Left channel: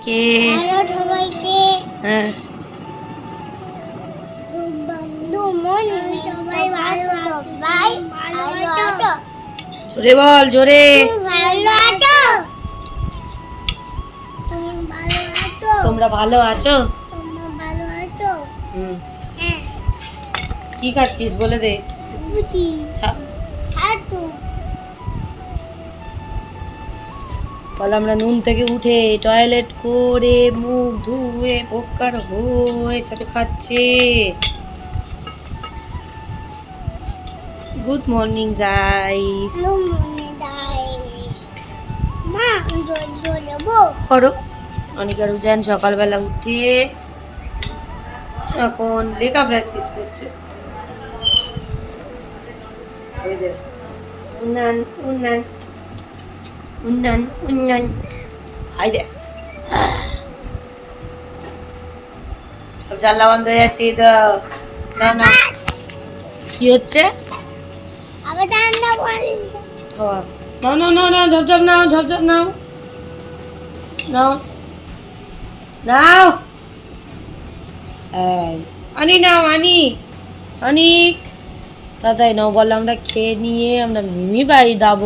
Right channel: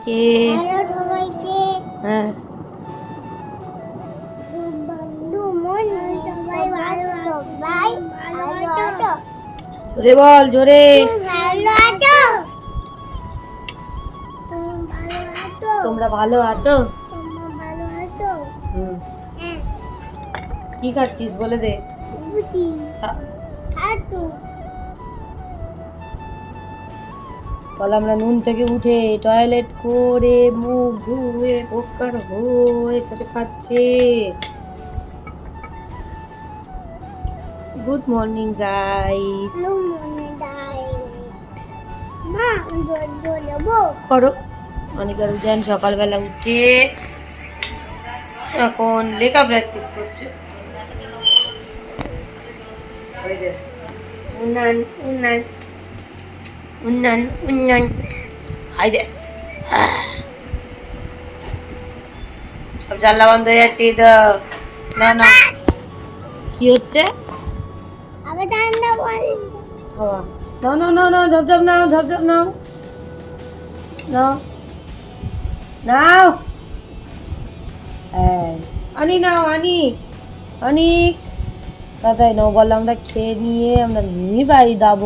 সবাইকে হ্যাঁ। জোরে বল জোরে। ভালো আছো? তুমি ভালো আছো? তোমরা ভালো আছো? হ্যাঁ। কি খাচ্ছিস বলে দে। বল আমরা নুন থেকে উঠে টয়লেট করে মুখ ধুয়ে পোকার হয়ে সাথে খাচ্ছে। গুড মর্নিং গাইস করো। অনিকা রুজান সকালবেলা উঠে এখন লেখা প্র্যাকটিস করছে। উন্নয়ন উন্নয়ন। উন্নয়ন উন্নয়ন। হাই দে সব জানলা বন্ধ হয়ে যাচ্ছে তো। না না। কি হচ্ছে? বল নাও নাও নাও নাও ঝপঝপ নাও ঝপঝপ নাও। নাও। নাও। আনি নাও আনি। অনিক দাদাই নাও বললাম আমরা খেয়ে নিয়ে আমরা মিমি বাড়ি যাব।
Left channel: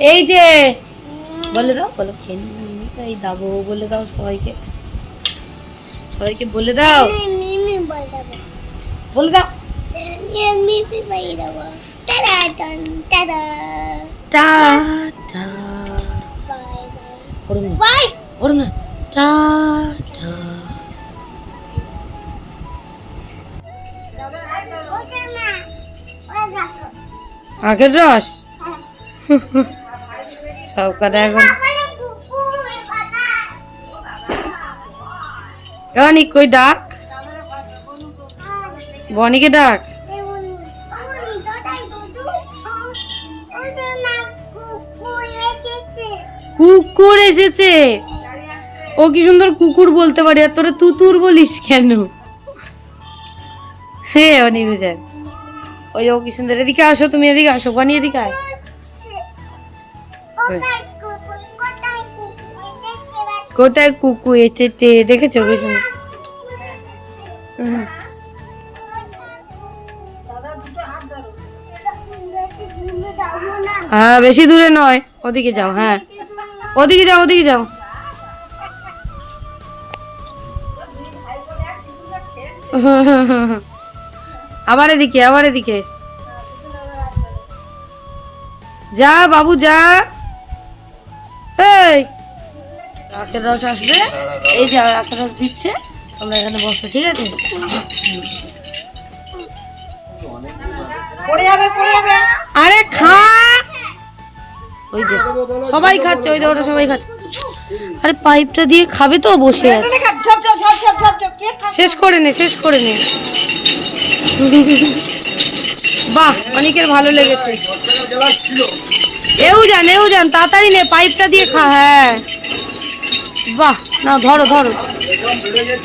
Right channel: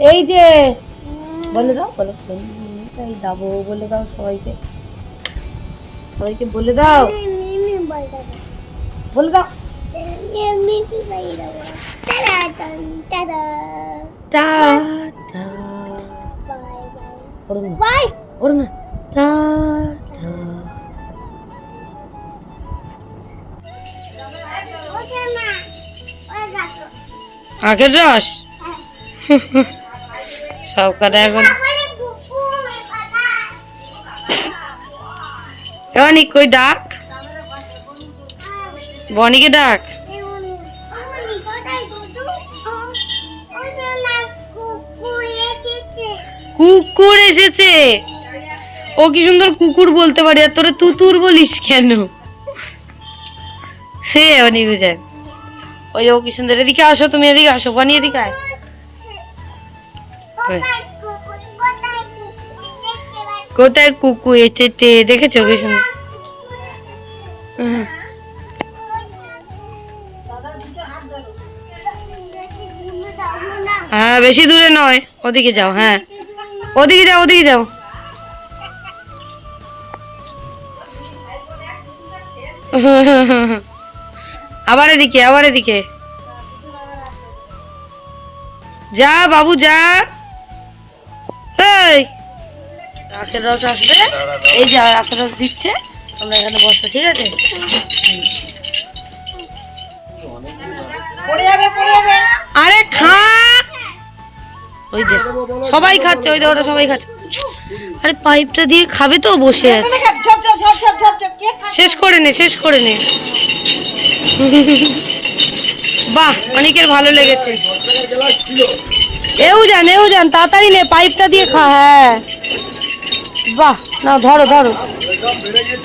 এই যে বলে দাও বলো খেয়ে নিয়ে মিমি বলে দাও সবাইকে। সবাইকে বলে দাও। বলে দাও। দেবো ওরম না। টা আখের রস ডাক? বনিকে ডাক। কুকুর এসেছে। ও কি সুন্দর কুকুর বলতে পারে, আর তোরা তুতুর বলিস কেন? হে অনেক বুঝেন ওই ও কি সুন্দর, এদিকে আসো তুমি, এদিকে আসো। বনি, এদিকে আয়। কোথায় কুকু এসেছে দেখেছ কি হুম। হ্যাঁ বেশি দূরে নয়। ওদিকে যাও হ্যাঁ। ওদিকে যাও ওদিকে যাও। আবার এদিকে আবার এদিকে। যা বাবু, যা। এই আখের রস আসবে। এই যে আখের রস দিচ্ছে তোমরা এখানে বসো ঠিক আছে? আরে খা! ওই যে সবাই খাচ্ছে ওই যে ওরা সবাই খাচ্ছে। আরে পাইপটা দিয়ে খাবে তো বসে আছে। শেষ করে নে শেষ করে নে। বাহ অনেকের ভালো লেগেছে। এও যান এও যান তাড়াতাড়ি নে পাইপটা দিয়ে খা হ্যাঁ। বাহ না ধরো ধরো।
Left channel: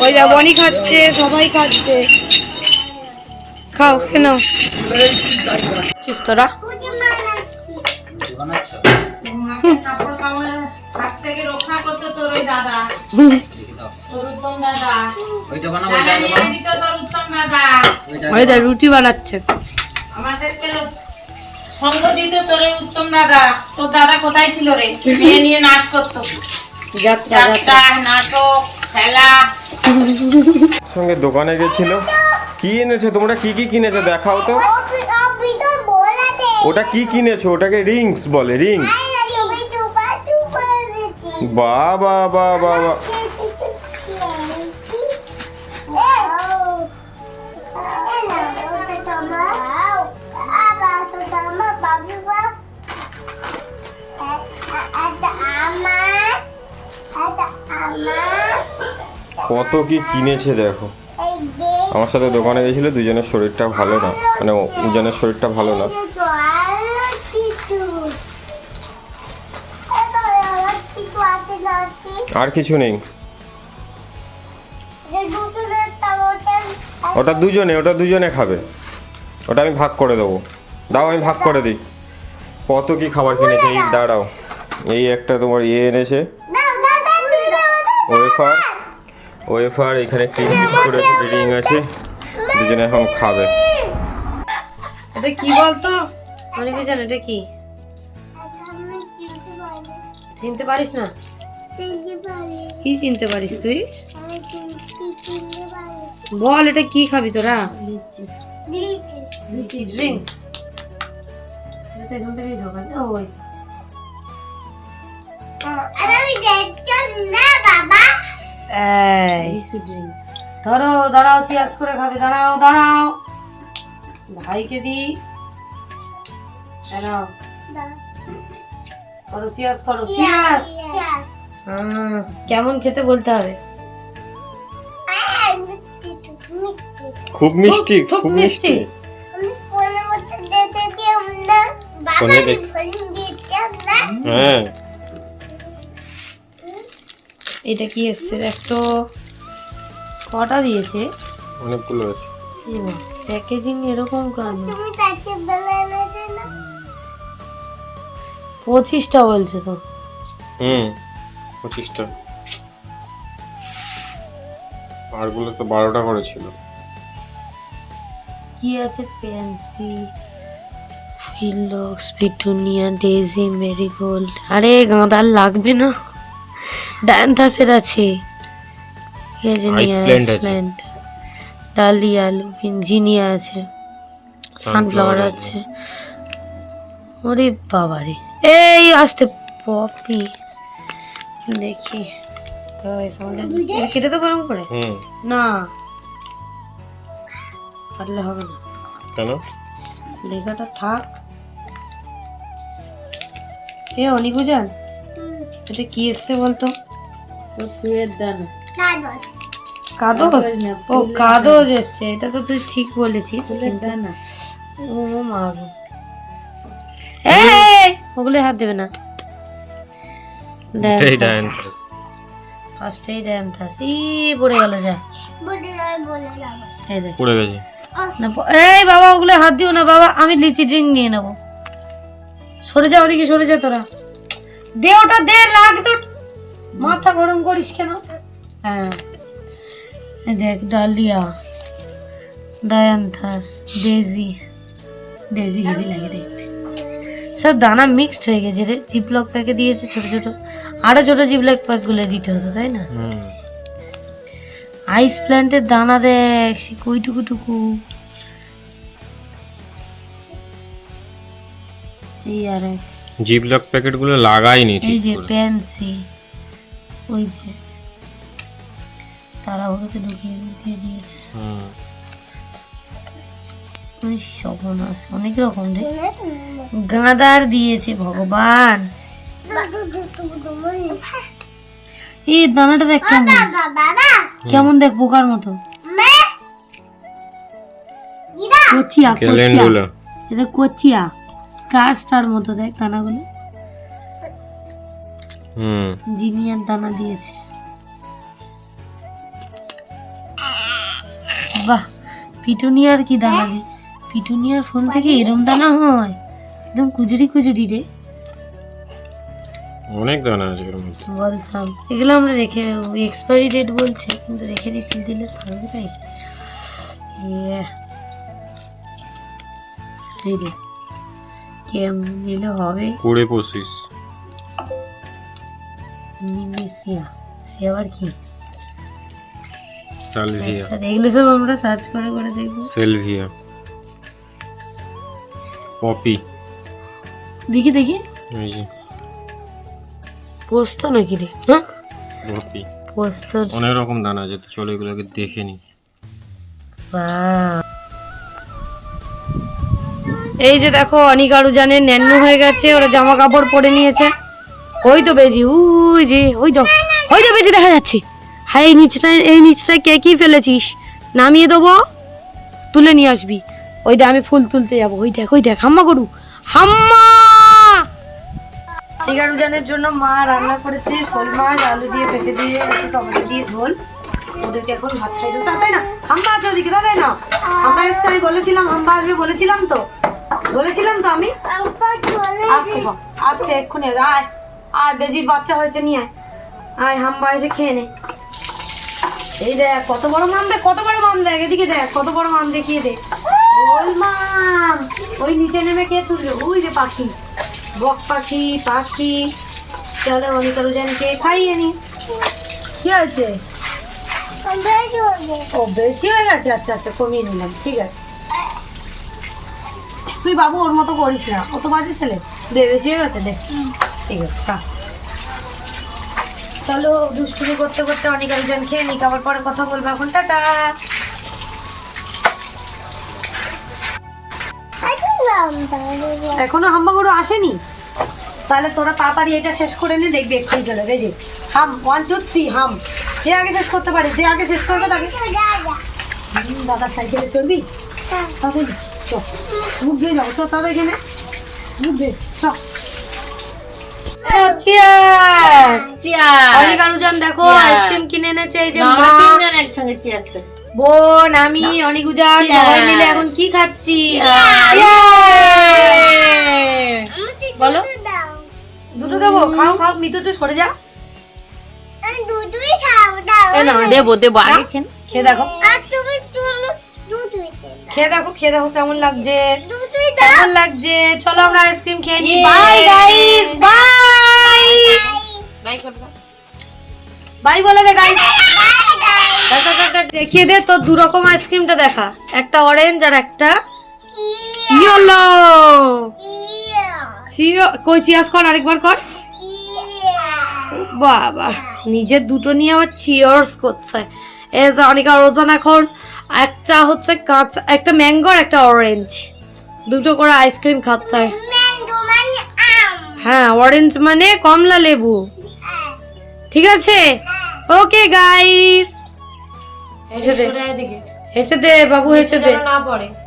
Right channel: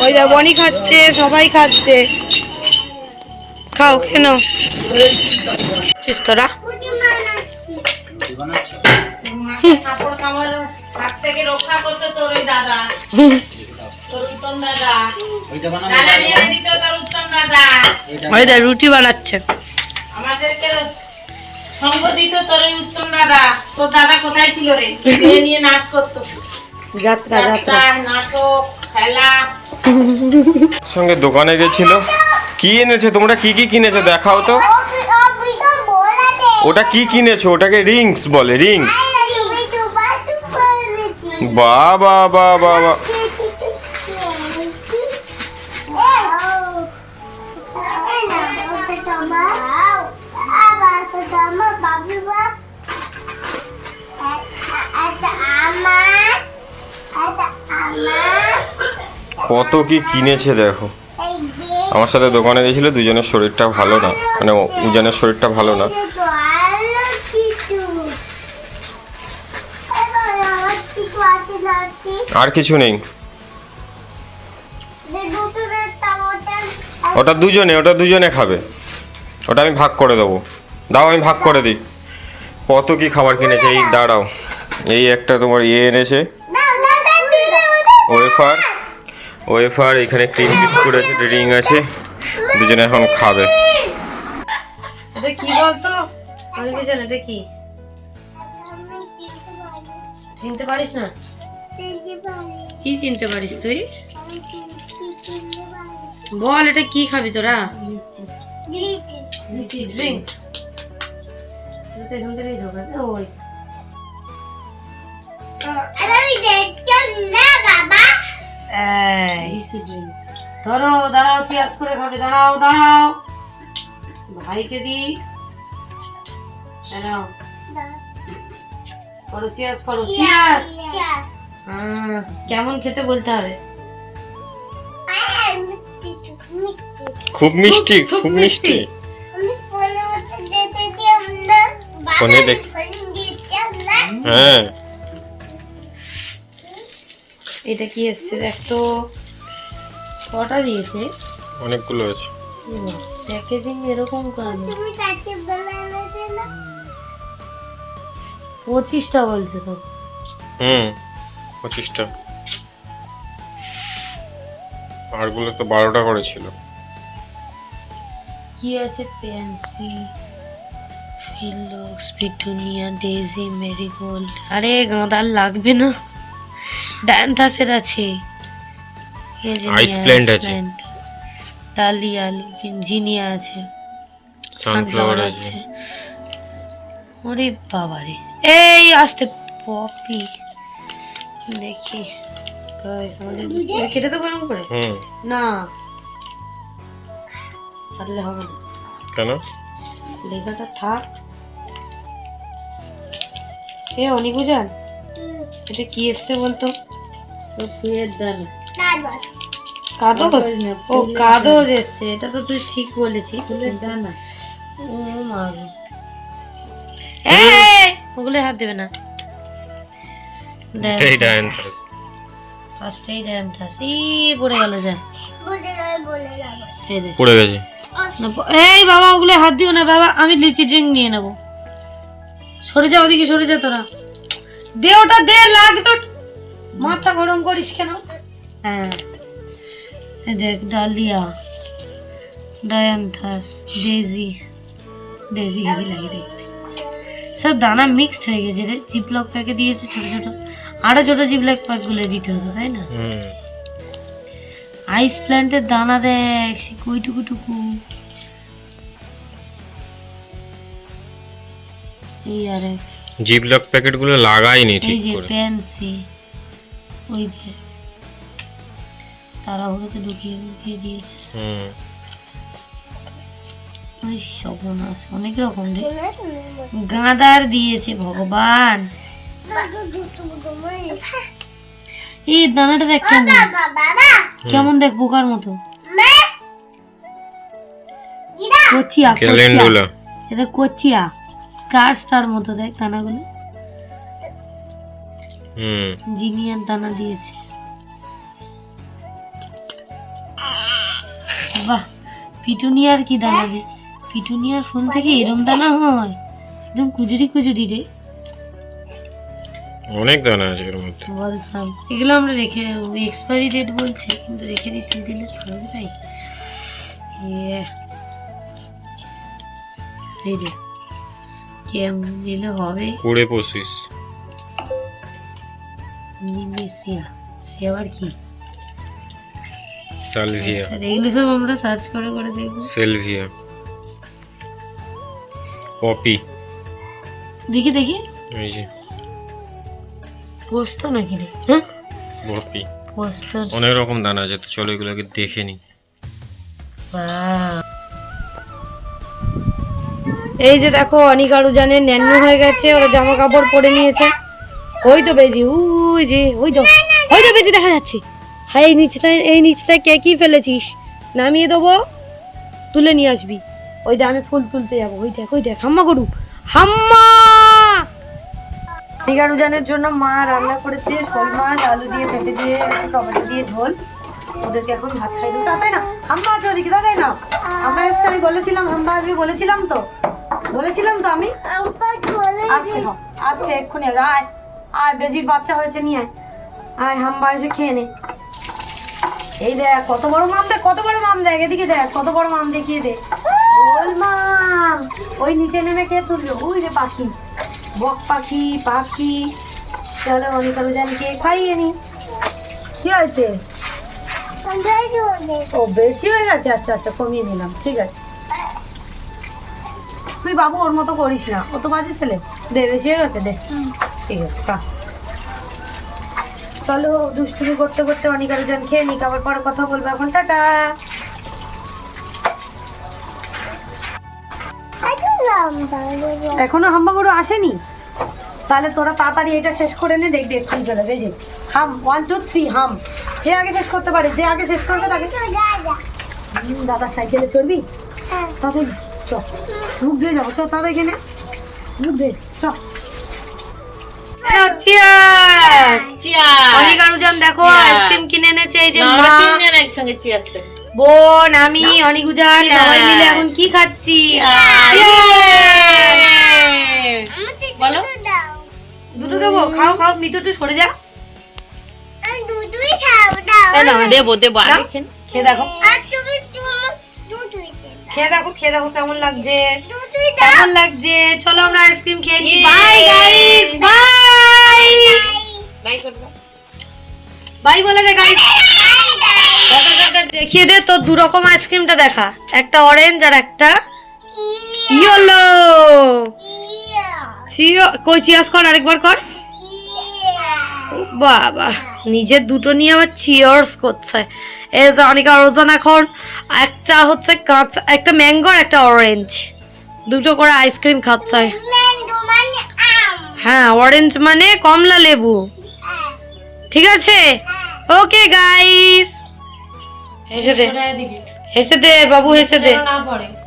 ওই যা বনি খাচ্ছে সবাই খাচ্ছে। খাও চিস তোরা? রুটি বানাচ্ছে। আমাদেরকে সঙ্গ দিত তোর উত্তম দাদা তোর দাদা কোথায় ছিল রে? মেয়ে নিয়ে নাচ করতো। যাত্রা যাত্রা। যাত্রা নাটক খেলা। সঙ্গে দোকানে গেছিল। কি এনেছে? তোমরা কি কি কিনেছো? দেখাও তো। ওটা কি কিনেছো? ওটাকে রিংস বলে রিংস। বা বা বা কত কি কিনেছে দেখো। আমার সাথে দোকানে গেছিল, দুজনের শরীরটা ভালো না। মানে উজানের শরীরটা ভালো না। আর কিছু নেই। ওটা দুজনে ওটা দুজনে খাবে। ওটা আমি ভাগ করে দেবো। দাও, আমি ভাগ করে দিই। কত কি খাবার কিনেছে, এই দাঁড়াও। এই একটা তোমার ইয়ে এনেছে। ওয়েফার। ওয়েফার এখানে ক্রিম বিস্কুট আছে রিং আছে দুজনে এখন খাবে। এটা কি বলতো? অনেকে জানে এটা কি? চিনতে পারিস না? কি চিনতে পারিস তুই? আমি চিনতে চিনতে পারি বল এটা কি খাবি তোরা? লিচি ড্রিঙ্ক এখান থেকেই ঢোকান ওই। আর আমি দেখতাম না বাবা। ধরো দাঁড়াও চিয়াস করে খাবে দাঁড়াও দাঁড়াও। ভাইকে দি। দাঁড়াও। করো চিয়াস করো চিয়াস কেমন খেতে বলতে হবে? খুব মিষ্টি খুব মিষ্টি। ফোনে দেখ- হ্যাঁ। এটা কি এসছে? দেখ তো কটা দিয়েছে? অনেকগুলো আছে প্যাকেজিং এরকম কেন? পঁচিশটা বলছে তো। হুম পঁচিশটা। আরগুলো তো বারোটা করে ছিল। কি আছে? Pansy phlox petunia daisy marigold. আরে গাঁদার লাগবে না। ডায়ান্থাসের আছে। plant আছে। ডালিয়া লুকিন জিনিয়া আছে। সানফ্লাওয়ার আছে। ওরে বাবারে। এই আসতে পপি। দেখি। গাইস আমাদের কেটে তো গরম করে? না। পারলে হবে না। কেন? লেখাটা থাক। এ অনিকু জান এটা কি এসছে বলতো? ফুয়ের দানা। ও কাদজ এসছে এটা তো তুই ঠিক বলেছিস। দানা। ও মা ওগুলো হাত দেবে না। এটাই ডায়ান্থাস ফার্স্টেই ডায়ান্থাস ই পড়ে গেল যা। এই পড়ে গেছে। এই বাবা ওগুলো হাত দিও না বাবা আমি লিচি ড্রিঙ্ক নিয়ে নেব। সরে যা ওদিকে সরে যা তোরা। দে ওটা দে লাগবে মাথা গরম করিস কেন? হ্যাঁ। দেখ dahlia dianthus daisy daisy heavy লাগে দেখতে। সব দানা মিক্সড হয়ে গেছে রে। জিপলক প্যাকে দিয়েছে ছোট ছোট। আরও ছোট জিপলক প্যাকগুলো দিতে হতো তাই না? আইস প্ল্যান্টের দানা দেখ সে কুইটুকু টুকু এই আর এক। জিপলক প্যাকেটগুলো লাগাইনি এই ঠিক যে করে। পেন্সি ওই যে তারা ওগুলোকে ঢুকিয়ে ঢুকিয়ে দিয়েছে। হুম। ওই সর্বনাশ অনেক রকম রে। গাঁদার দিয়েছে ভগবান। এই দানাটা দেখ কেমন। কেমন দেখ পোকার মতো। কচিয়া কচিয়া। এটা কচিয়া। স্টার স্টার মতো দেখ দানাগুলো। হুম। জিনিয়ার দানা দিয়েছে। বাহ পিটুনিয়ার কি দানা দিয়ে পিটুনিয়ার ফুল থেকে এরম দানা হয়। একদম কুজুরি কুজুরি রে। অনেক দানা আছে এর মধ্যে। বলসাম এগুলো আমরা রেখে এক্সপায়ারি ডেট বলছে কিন্তু রেখে দিতে দিলে থাকবে তাই। ইয়ে। এই রে কেমন দিলে হবে? কুড়ে পঁচিশ। নিমেসিয়া সে আবার কি? সালভিয়া। এগুলো সব আমরা সার্চ করে করে দেখব। সেলভিয়া। পপি। দেখি দেখি। এই যে। পোস্ত নাকি রে? হ্যাঁ? পপি। পোস্ত। অনেক রকম দানা আছে তো চলো এগুলোকে দেখে নি বাহ। এই যে দেখো অনিকারু জানে ন্যান্য হয়ে গেছে, ওরা জামা কাপড় পরে নিয়েছে। ওই তো বেজি ওই যে, ওই তো ওই তো বেজি দেখা যাচ্ছে। হ্যাঁ এই নিচটা এই নিচটা কে কি ফেলেছিস? নামিয়ে দেবো, তুলে নিয়ে আসবি। ওই দেখ আমি ফুল তুলতে যাব। ওই দেখ ওই দেখ, হাম্মা গরু, হাম্মা! অনিকারু জানের জন্য মা রান্না করেছে, শোল মাছ, আলু দিয়ে পেঁপে দিয়ে টমেটো দিয়ে ঝোল। ওদেরকে এখন ভাত খাই তাড়াতাড়ি না? আছে ওদিকে তাড়াতাড়ি না? আমি বলেছিলাম আসবে বলেছিলাম তো। বলেছিলাম তো আমি? আসছে এক্ষুনি আয় আয় বেজির বাচ্চা হয়েছে নিয়ে আয়। আয় হাম্বা এসে খেয়ে নে। এই দেখ কত বড় মাম দেখ কত বড় মাম দেখ এদিকে দেখ কত বড় মাম দেখিয়ে দে। ওই মাম ওই নিচে নেমে কে তুললো ওই রে পাখি। বক পাখি পাখি। চলো অনেক জানকে খাইয়ে নি। কি হয়েছে? ও বেশি হয়ে গেছে? আচ্ছা আচ্ছা কমিয়ে নিলাম ঠিক আছে। তুই বাবু ওর মতো করিস না। ও তো বাজে ছেলে। দে বেশি হয়ে গেছে দে। ঠিক আছে খা। চলো দুষ্টুমি করতে করতে অনেক আলোচন খেয়ে নিক আবার পরে কথা বলব এখন। টাটা। এখনও হাম্বাগুড়ো আসেনি? তাহলে তোরা তাড়াতাড়ি এটা শেষ করে নে দেখবি একটু চলে যে হাম ওয়ান টু থ্রি হাম। যে আগে শেষ করতে পারে যে আগে শেষ করবে তাকে। দাদা। সাইকেলে চলবি তাড়াতাড়ি চ মুখ দিয়ে যাব চ তাড়াতাড়ি এখানে মুখ দিয়ে চ দেখো আইসক্রিম কিনে এনেছে এই যে না, আমরা মা, তিনজন একসঙ্গে চিয়ার্স বোন আমি অনেক উজান সবাই মিলে এখন কি খাচ্ছি? বলো। দুটো দেবো খাও খাও মিতু একটু সরে যা। দেবো দেবো আগে খেয়ে দেখো। তুমি খেয়ে দেখো খেয়ে দেখো কেমন লাগছে। কেমন লাগছে? চলো আমরা আইসক্রিম খেয়ে নিই। Bye guys bye bye bye বলে দে গাইস দেখিয়ে দে তোর দু রকম আইসক্রিমটা দেখা। একটা অরেঞ্জ আর একটা ইয়েলো চিও কই চিয়াস কর আরেকবার কর। বাবা। নিজের দুটো নিয়ে আবার চিয়ার্স করছে। যে অনেক ওজন এখন একটা হচ্ছে কাঁচা একটা ম্যাঙ্গো আর একটা অরেঞ্জ দুটো করে আইসক্রিম খাচ্ছে। ম্যাঙ্গো মানে আম। হ্যাঁ অরেঞ্জ মানে কমলা লেবু। ঠিক আছে? ওকে গাইস হেসে দে। হেসে দে বাবু হেসে দে।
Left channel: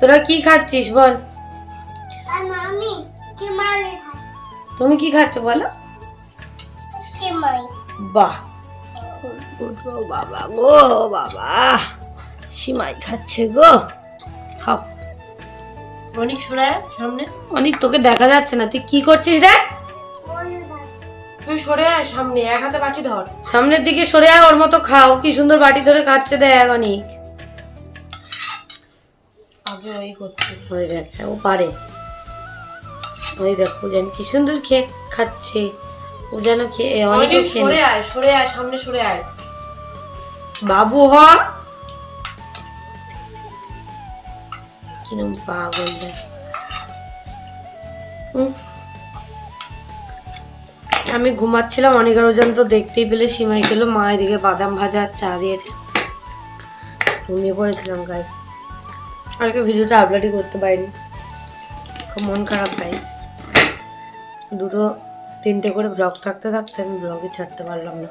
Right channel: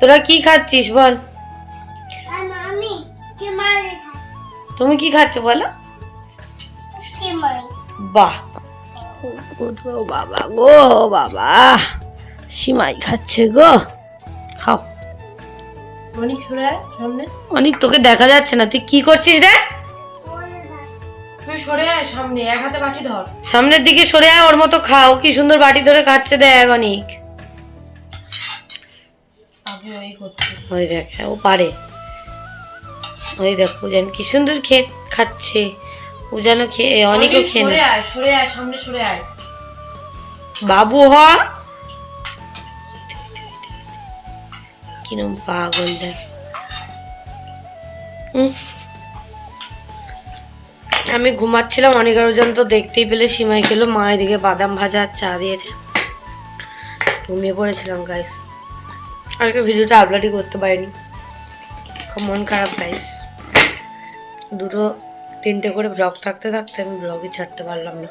তোরা কি খাচ্ছিস বল। তুমি কি খাচ্ছ বলো। বাহ। ও বাবা গো বাবা। সিমাই খাচ্ছে গো। খাও। অনেক সরে সামনে। অনেক তোকে দেখা যাচ্ছে না। তুই কি করছিস দেখ? তুই সরে আয় সামনে এক হাতে বাটি ধর। সামনের দিকে সরে আয় ওর মতো খাও। কি সুন্দর বাটি ধরে খাচ্ছে দেখ অনেক। ওই দেখ ও পারে। ওই দেখ পূজান কি সুন্দর খেয়ে খাচ্ছে। পূজানও খেয়ে অনেকও খেয়ে সরে। আয় সরে আয় সামনে সরে আয়। বাবু হ। কিরম পাগল। আমি ঘুমাচ্ছিলাম অনেক পর্যন্ত দেখতেই পেলে, সীমাই খেলো, মা এদিকে বাদাম ভাজা আর চা দিয়েছে। ঘুমিয়ে পড়েছিলাম গাইস আর কি ভিডিওটা আপলোডই করতে পারিনি। খুব মন খারাপ গাইস দুটো, তিনটে করে ব্লগ থাকতে থাকতে আমি ব্লগই ছাড়তে পারলাম না।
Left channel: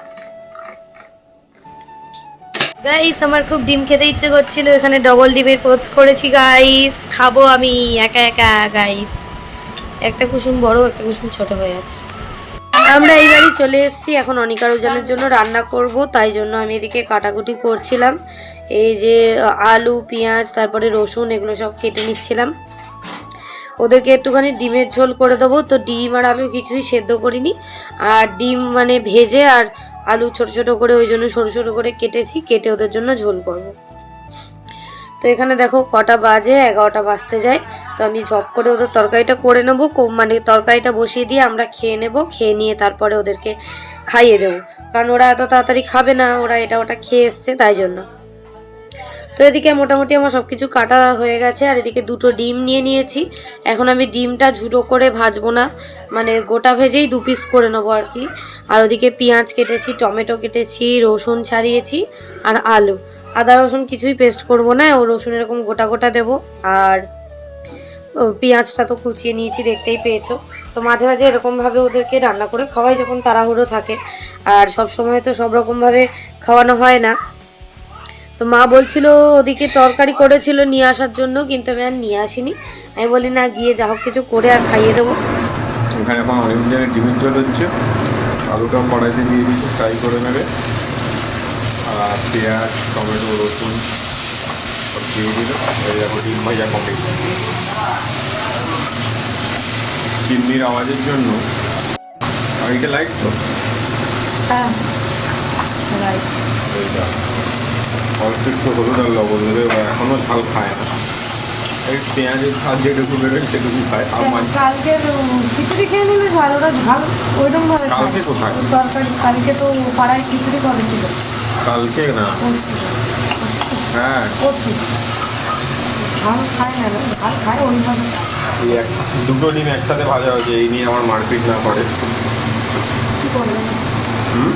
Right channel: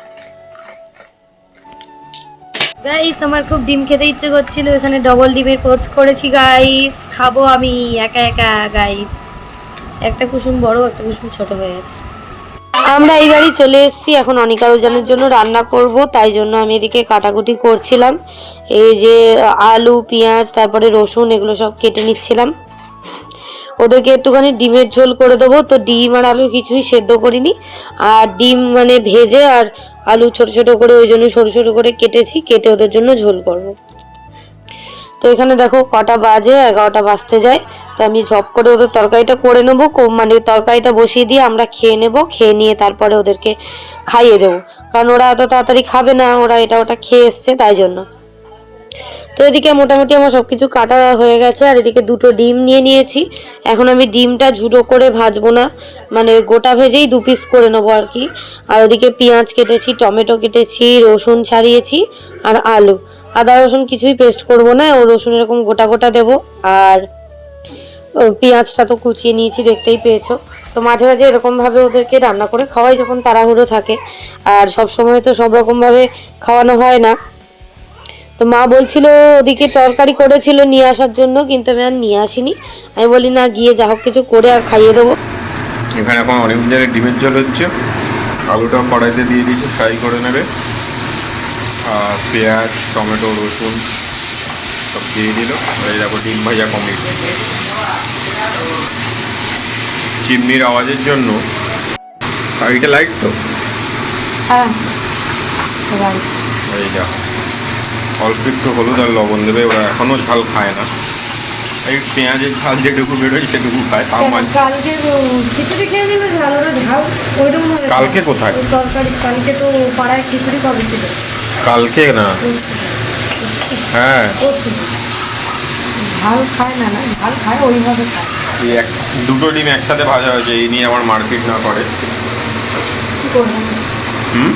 গাইস আমার খুব ডিম খেতে ইচ্ছে করছিল। এখানে ডবল ডিমের পোচ করেছি গাইস খাব আমি, একা একা গাইস একটা কুসুম বড়, একটা কুসুম ছোট হয়ে আছে। আমরা এই বাড়ি চলে এসেছি এখন অনিকা রোজানের জন্য রান্না করব, তাই জন্য আমি এদিকে কাটাকুটি করছিলাম। এই যে, আলু, পেঁয়াজ, তারপরে রসুন, এগুলো সব কেটে নিচ্ছিলাম। ওদেরকে একটুখানি ডিমের ঝোল করে দেবো। তো ডিম আর আলু কিছুই সেদ্ধ করিনি। আর ডিম মানে ভেজে আর আলু ছোট ছোট করে, ওই জন্য সরু সরু করে কেটেছি, কেটে ওদের জন্য ঝোল করব। তো এখানে দেখো কটা বাজে, এগারোটা বাজতে যায়। তো আমি ঝপ করে ওদের তরকারিটা করে নেব মানে তরকারিটা বসিয়ে দিয়ে আমরা খেয়ে নেব, খেয়ে নিয়ে তারপরে ওদেরকে খাইয়ে দেবো। কারণ ওরা এত তাড়াতাড়ি খাবে না, ওরা এটা ওটা খেয়ে এসছে, তাই জন্য। তো এদিকে মোটামুটি আমার সব কিছু কাটা হয়ে গেছে, আর এদিকে দুটো ডিম নিয়ে নিয়েছি। এখন আমি ডিমটা ঝুড়ো করে ভাজবো না মানে গোটা ভেজেই দু পিস করে নেব আর কি। আর ওদিকে পেঁয়াজ কেটেছি, টমেটো কেটেছি, রসুন ছাড়িয়েছি, আর আলু। আদা, রসুন কিছুই পেস্ট করব না, ও রসুন এরকম গোটা গোটা দেবো। আর পেঁয়াজটা তো কুচিয়ে নিয়েছি, দেখতেই পেয়েছ। তো মাঝে মাঝে এরকমভাবে ওদেরকে রান্না করে খাওয়াই যখন তাড়াহুড়ো থাকে। আর সব সময় তো সব রকমভাবে খাওয়ানো হয় না। তো মা বলছিল ওদিকে তরকারি করেছিল নিয়ে আসার জন্য কিন্তু আমি আর নিয়ে আসিনি। আমি বলি না গিয়ে যা হোক কিছু করে আর খাইয়ে দেবো। এখানে এখন অনেক জায়গায় ডিমের জল হচ্ছে। আলুটাও কড়াইতে দিয়ে দিয়েছে ফ্রাই করে নেবে। আর পেঁয়াজ টমেটো রসুন সব দিয়ে দিল। দেখো ডিম ভাজা কমপ্লিট চিমনির আওয়াজের জন্য আর এটা লাইট তো? হ্যাঁ। এই যা অল্প একটু হলুদ আর লবণ দেবে ওরা এখনও ঝাল খায় না। এই পেঁয়াজের ঝাল যেটুকু বেরোয় সেটুকু খায় তাও মাঝ। কালকে খিচুড়ি খেয়ে নিলে ঝাল ওরা ঝাল ওইরকম কালকে কোথায়? তরকারি কালকে তো পাড়ায় খিচুড়ি কবে ছিল? কালকে না? হ্যাঁ। ঝাল খায় না ঝাল খায় ওইভাবে খায়। এই এক দুটো ডিম একসাথে ভাজা হয়েছে এই নিয়ে আমার মারপিট না করে। কী করব? হুম?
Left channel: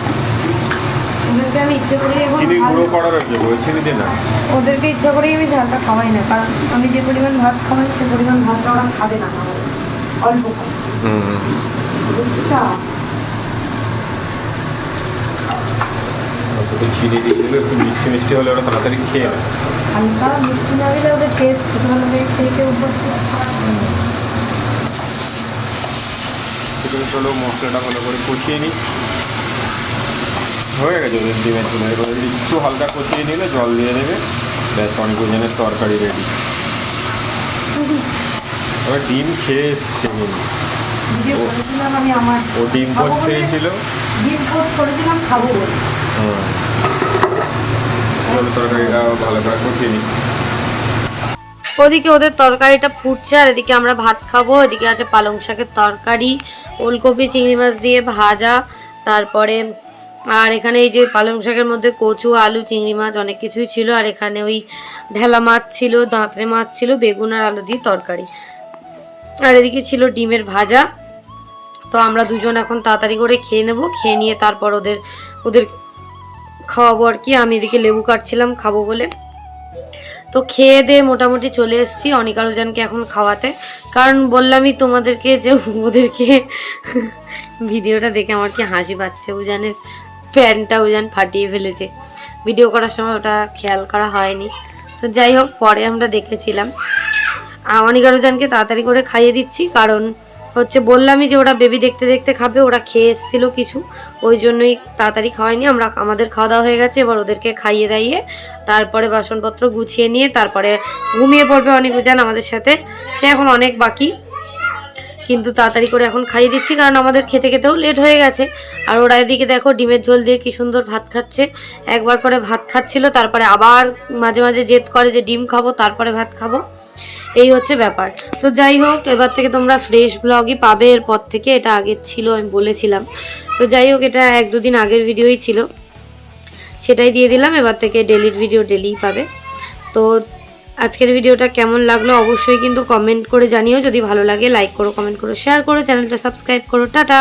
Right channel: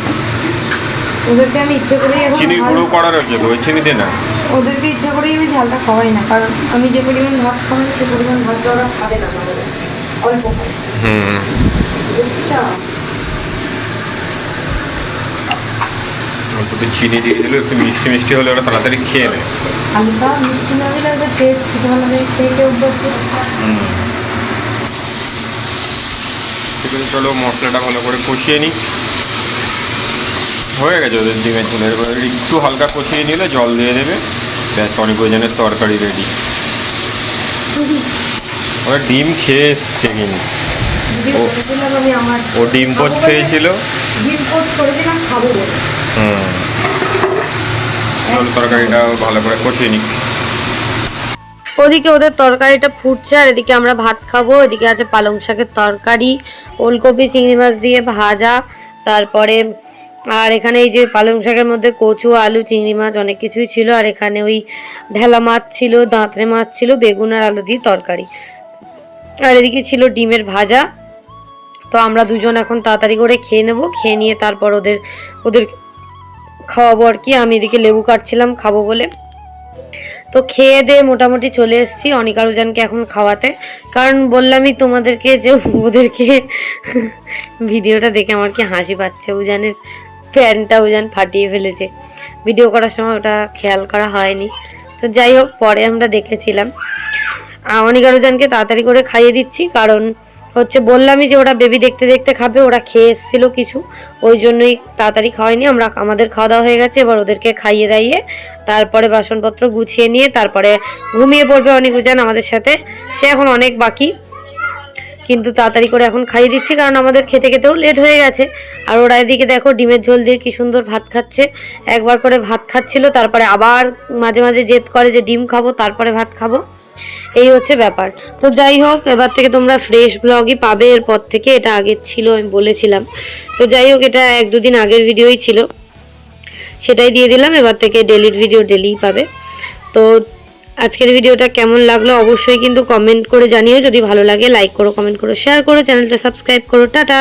ওদেরকে আমি ইচ্ছে করেই এখন চিনি গুঁড়ো করার হচ্ছে ওই চিনি দে না? ওদেরকে ইচ্ছা করেই আমি ঝালটা খাওয়াই না কারণ আমি যে পরিমাণ ভাত খাওয়াই সে পরিমাণ ভাতটা ওরা খাবে না অল্প খাবে হুম। একটু চিনি দিয়ে দিলে একটু মিষ্টি মিষ্টি হলে ওরা তাড়াতাড়ি খেয়ে নেয়। হালকা মিষ্টি না দিলে ওদের টেস্ট ভালো নেই খেয়ে খেয়ে অভ্যস্ত ঠিক আছে চলো মশলাটা ভালো করে কষিয়ে নিই। হয়ে গেছে ওদের ডিমের ঝোল। এবার একটু হালকা কষিয়ে নিলে জল দিয়ে দেবে। ব্যাস অনেক ওজনের তরকারি রেডি ওরা ডিম খেয়ে এসছে কিন্তু। ও- বলেছিলাম আমি আমার ও ডিম পোচ খেয়েছিল। হুম। তরকারিটা ভালো করে কষিয়ে নিই ওদিকে ওদের তরকারিটা ফুটছে আর এদিকে আমরা ভাত খাব। এদিকে আছে পালং শাকের তরকারি ওলকপি চিংড়ি মাছ দিয়ে ভাজা তারপরে আর এখানে এই যে পালং শাকের মধ্যে কচু, আলু, চিংড়ি মাছ অনেক কিছুই ছিল। আর এখানে ওই ঢেলা মাছ ছিল, দাঁতরে মাছ ছিল, বেগুন আর আলু দিয়ে তরকারি। আর এদিকে ছিল ডিমের ভাজা। তো আমরা দুজন এখন তাড়াতাড়ি করে খেয়ে নেব। খেয়ে নিয়ে তারপর ওদের ওদের খাওয়াবো আর কি। আমি এদিকে লেবু কাটছিলাম, খাব বলে। তো খেয়ে দিয়ে মোটামুটি চলে এসেছি অনিকা রুজানকে এখন খাওয়াতে। কারণ বললামই তোমাদেরকে যে ওদেরকে ভিডিওটা দেখে আমার কি হাসি পাচ্ছে উজানের। প্যান্টটা উজান ফাটিয়ে ফেলেছে। ভিডিও করার সময় ওটা খেয়াল করা হয়নি। তো যাই হোক পরে আমরা দেখেছিলাম। আহ, অনিকা তাড়াতাড়ি করে খাইয়ে দিচ্ছি কারণ হচ্ছে বললামই যে ওরা বেবি দেখতে দেখতে খাবে ওরা খেয়ে এসেছিল কিছু। ওই জন্যই তাড়াতাড়ি খাওয়াইনি আমরা আমাদের খাওয়া দাওয়া হয়ে গেছে এবার ওদেরকে খাইয়ে দাইয়ে তারপরে বাসনপত্র গুছিয়ে নিয়ে তারপরে ঘুমিয়ে পড়বে অনেক উজান আমাদের সাথে। সে এখন অনেক বাকি। কিন্তু তাড়াতাড়ি করে এখন খাইয়ে দিচ্ছি, কারণ আমাদের খেতে খেতেও লেট হয়ে গেছে। আর ওরা এদিকে দেখো ডিমের ঝোল দিয়ে কি সুন্দর ভাত খাচ্ছে। একবার করে ভাত খাচ্ছিল, তারপরে আবার মাঝে মাঝে জেদ করে যে ডিম খাব, তারপরে ভাত খাব। এই হচ্ছে ব্যাপার। তো যাই হোক, এবার থেকে তোমরা ফ্রেশ ব্লগই পাবে, এরপর থেকে এটা আগের ছিল, আমি বলেছিলাম। তো যাই হোক, এটা এক দুদিন আগের ভিডিওই ছিল। সেটাই দিয়ে দিলাম, এবার থেকে ডেলির ভিডিও ডেলিই পাবে। তো আজকের ভিডিওটা কেমন লাগল অবশ্যই কিন্তু কমেন্ট করে জানিও। যদি ভালো লাগে লাইক করো কমেন্ট করো শেয়ার করো, চ্যানেলটা সাবস্ক্রাইব করো। টাটা!